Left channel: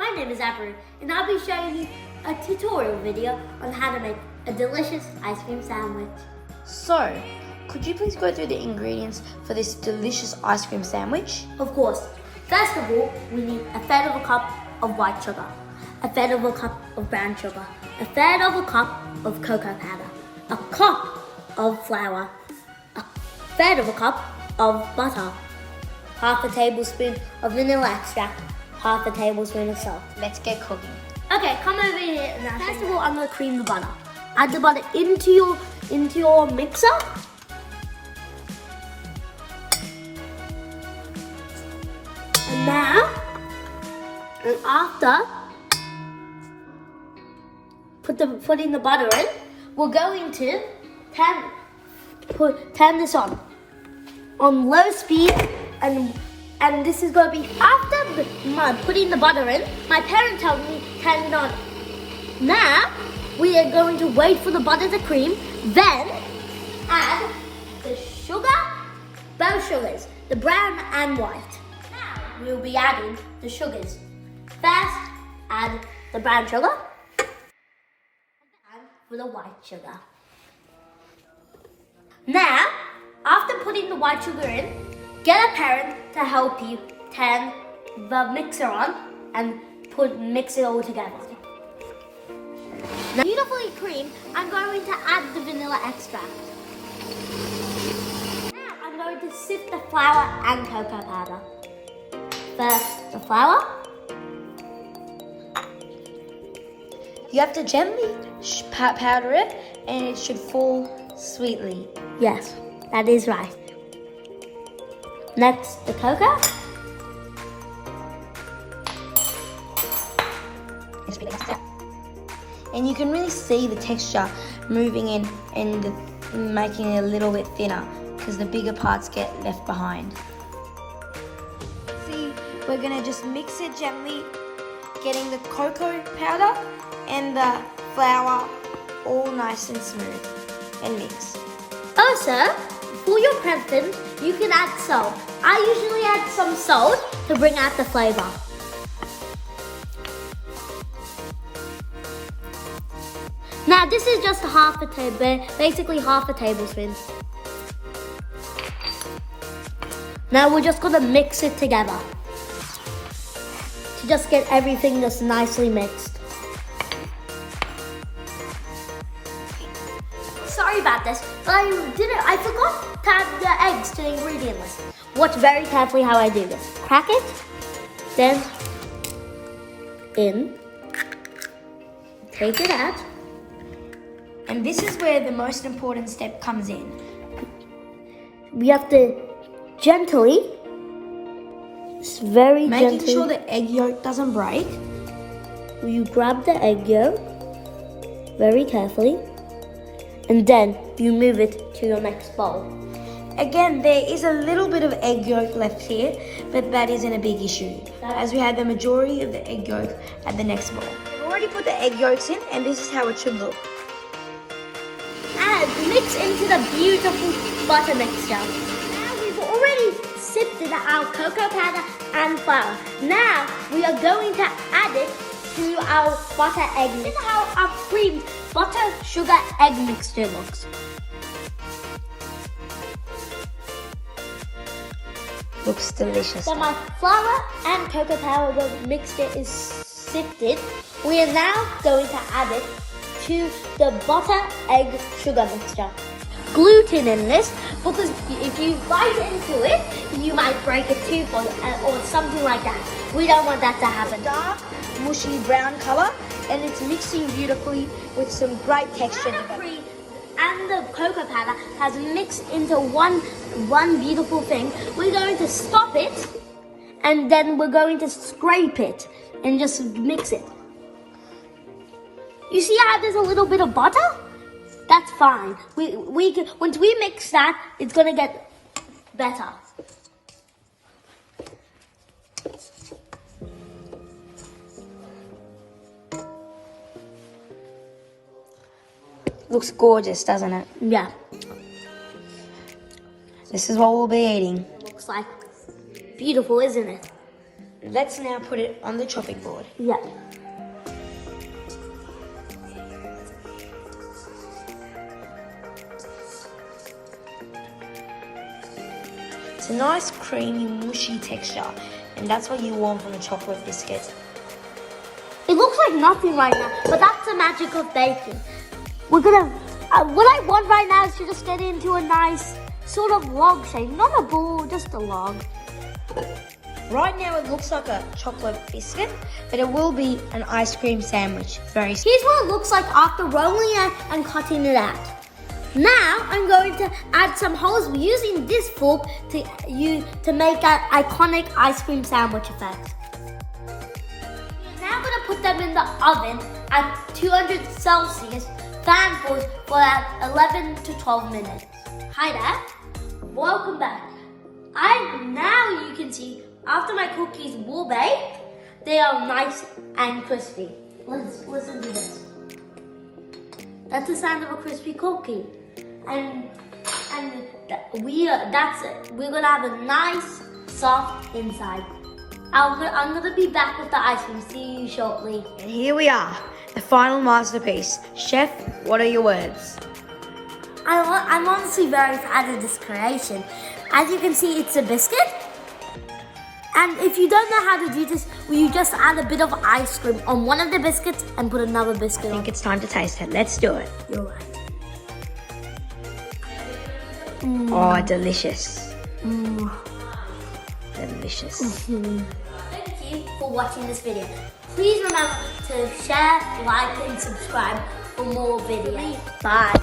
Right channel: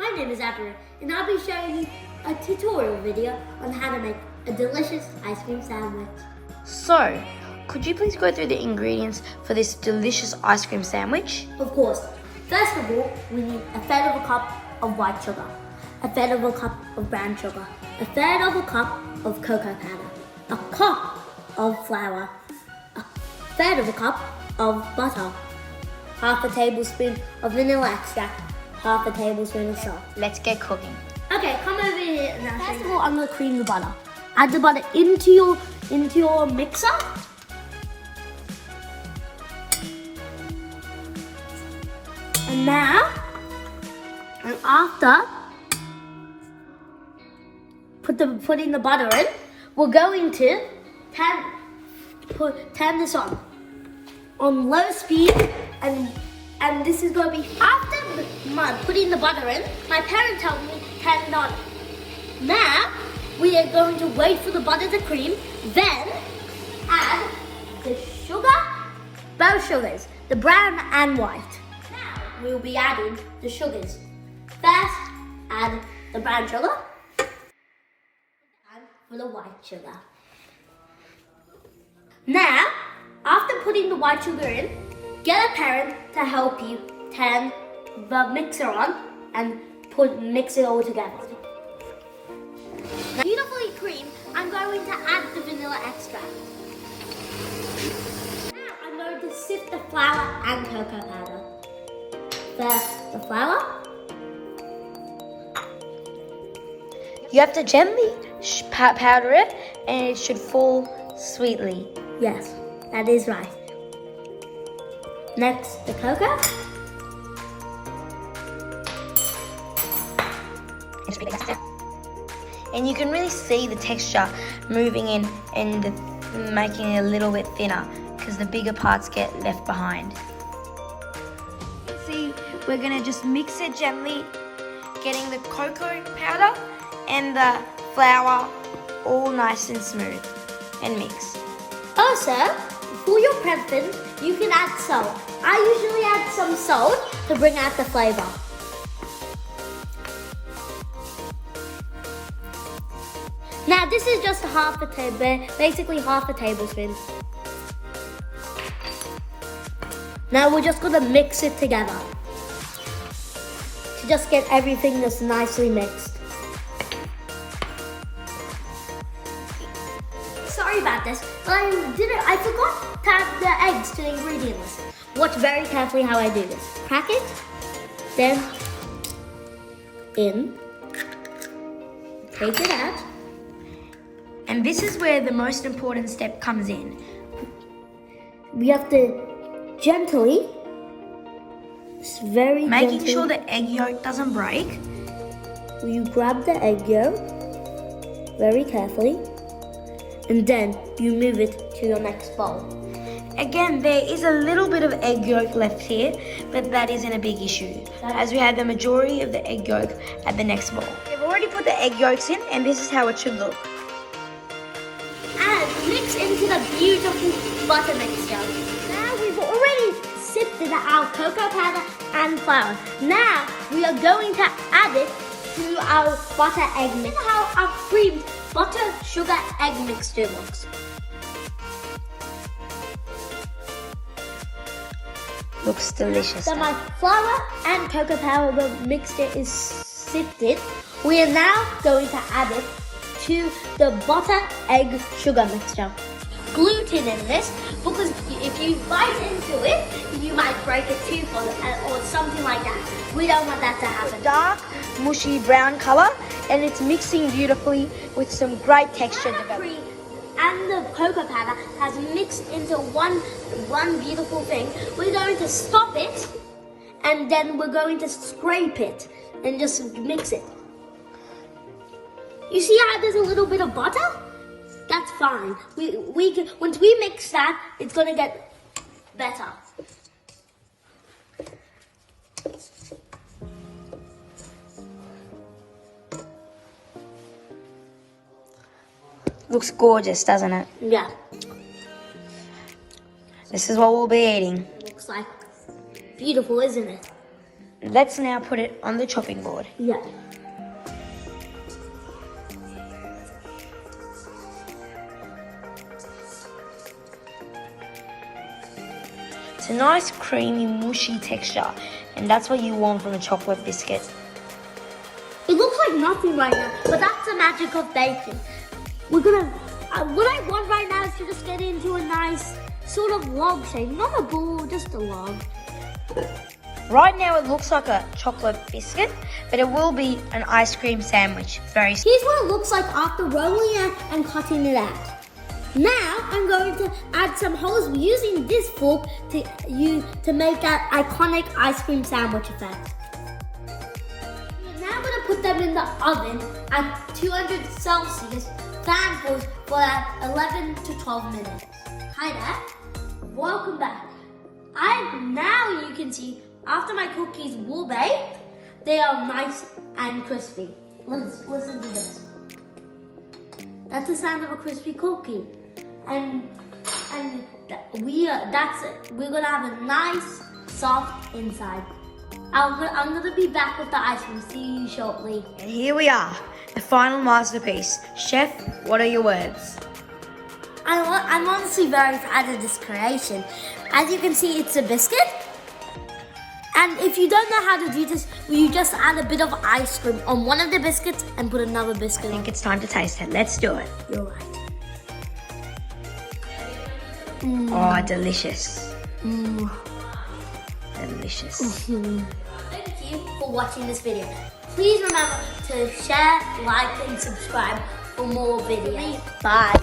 My name is Abi, and I'll be showing you a tutorial video on how to make a delicious ice cream sandwich. So, could you please go through the ingredients for this delicious ice cream sandwich? Of course. First of all, we need a third of a cup of white sugar, a third of a cup of brown sugar, a third of a cup of cocoa powder, a cup of flour, a third of a cup of butter, half a tablespoon of vanilla extract, half a tablespoon of salt. Let's get cooking. Okay, come over here and first of all, I'm going to cream the butter. Add the butter into your mixer. And now, and after putting the butter in, we're going to turn this on low speed, and this is going to be after putting the butter in. My parents told me turn it on. Now we are going to wait for the butter to cream, then add the sugar, both sugars, the brown and white. Now we'll be adding the sugars. First, add the brown sugar and for the white sugar. Now, after putting the white sugar in, get a parent to help you turn the mixer on and mix it all together. Now, beautifully creamed, I'm going to add the vanilla extract. Now I'm going to sift the flour and cocoa powder. First, the flour. You have to gently powder it, and it should fall sweetly. Yes, that is right. Next, the cocoa. And you can really see the texture moving in and making it a little bit thinner because the bigger parts get left behind. See, we're going to just mix it gently, getting the cocoa powder and the flour all nice and smooth, and mix. Also, for your preference, you can add salt. I usually add some salt to bring out the flavor. Now this is just basically half a tablespoon. Now we're just gonna mix it together to just get everything just nicely mixed. Sorry about this, but I forgot to add the eggs to the ingredient list. Watch very carefully how I do this. Crack it, then in, take it out. And this is where the most important step comes in. We have to gently, making sure the egg yolk doesn't break. You grab the egg yolk very carefully, and then you move it to your next bowl. Again, there is a little bit of egg yolk left here, but that isn't a big issue, as we had the majority of the egg yolk at the next bowl. We've already put the egg yolks in, and this is how it should look. And mix into the beautiful butter mixture. Now we've already sifted our cocoa powder and flour. Now we are going to add it to our butter egg mix. This is how our creamed butter sugar egg mixture looks. Looks delicious. So my flour and cocoa powder mixture is sifted. We are now going to add it to the butter egg sugar mixture. Gluten in this, because if you bite into it, you might break a tooth or something like that. We don't want that to happen. Dark, mushy brown color, and it's mixing beautifully with some great texture. And the cocoa powder has mixed into one beautiful thing. We're going to stop it, and then we're going to scrape it and just mix it. You see how there's a little bit of butter? That's fine. Once we mix that, it's gonna get better. Looks gorgeous, doesn't it? Yeah. This is what we'll be eating. Looks like beautiful, isn't it? Let's now put it on the chopping board. Yeah. It's a nice creamy, mushy texture, and that's what you want from a chocolate biscuit. It looks like nothing right now, but that's the magic of baking. We're gonna, what I want right now is to just get into a nice sort of log shape, not a ball, just a log. Right now it looks like a chocolate biscuit, but it will be an ice cream sandwich. Very Here's what it looks like after rolling it and cutting it out. Now I'm going to add some holes using this fork to make that iconic ice cream sandwich effect. We're now going to put them in the oven at 200 Celsius fan force for about 11 to 12 minutes. Hi there, welcome back. Now you can see after my cookies were baked, they are nice and crispy. Let's listen to this. That's the sound of a crispy cookie. And that's it. We're gonna have a nice, soft inside. I'm gonna be back with the ice cream. See you shortly. And here we are, the final masterpiece. Chef, what are your words? I'm honestly very proud of this creation. As you can see, it's a biscuit. And if you don't know how to do this, you just add a bit of ice cream on one of the biscuits and put another biscuit on. I think it's time to taste it. Let's do it. You're right. Oh, delicious. Delicious. Thank you for watching this video. Please remember to share, like, and subscribe for more videos. Bye.